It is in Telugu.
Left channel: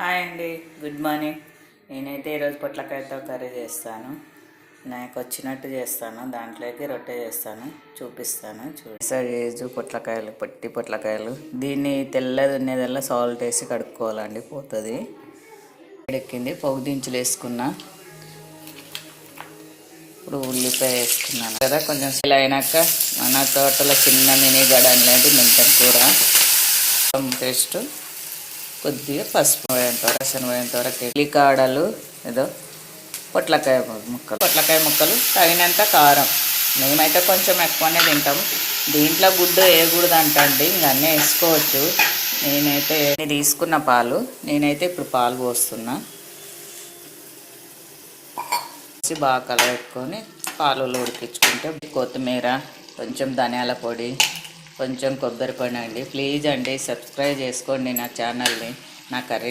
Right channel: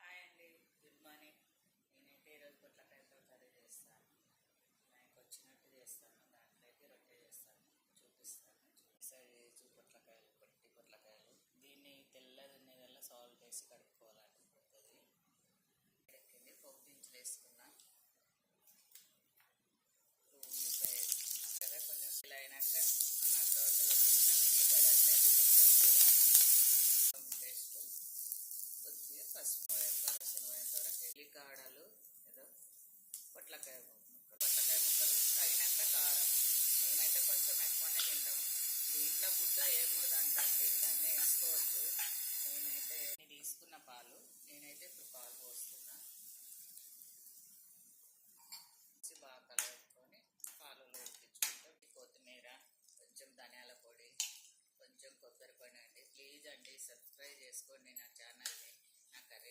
హాయ్ అండి, గుడ్ మార్నింగ్. నేనైతే ఈరోజు పొట్లకాయతో కర్రీ చేస్తాను. నాకు వచ్చినట్టు చేస్తాను. దాంట్లోకి రొట్టె చేస్తాను, చూపిస్తాను. చూసి పొట్లకాయలు, పొట్టి పొట్లకాయలు. దీన్ని తెల్లది ఉన్నదల్లా సాల్ట్ వేసి కడుక్కోవాలండి, పోతుంది. ఎక్కింది, పొగు దించులు వేసుకున్నా. ఇప్పుడు ఉల్లిపాయ వేసుకున్నాను కదా. కొంచెం ఇలా అయినాక మన తోటలో చిన్న మినీ గార్డెన్ లాంటి మెంతం కూర పేస్ట్, కొద్దిగా పసుపు రసం పోయేంత వరకు, ఎల్లికాడలు, ఏదో పొట్లకాయ ముక్కలు తగినంత కారం. మేమైతే కొంచెం ఎక్కువనే తింటాం. దీంట్లో గుడ్డు వేయకూడదు అంటండి, ఇంక అన్నీ వేసుకోవచ్చు. నేనైతే తీసుకున్న పాలు, నేనైతే ఇప్పుడు పాలు పోస్తున్నా. బాగా కలబెట్టుకొని పాలలో ఉడికించుకుంటే, కొత్తిమీర, కొంచెం ధనియాల పొడి, కొంచెం కొబ్బరి పొడి అండి. ప్లీజ్ అండి, సబ్స్క్రైబ్ చేసుకోండి నా ఛానల్ని. నా కర్రీ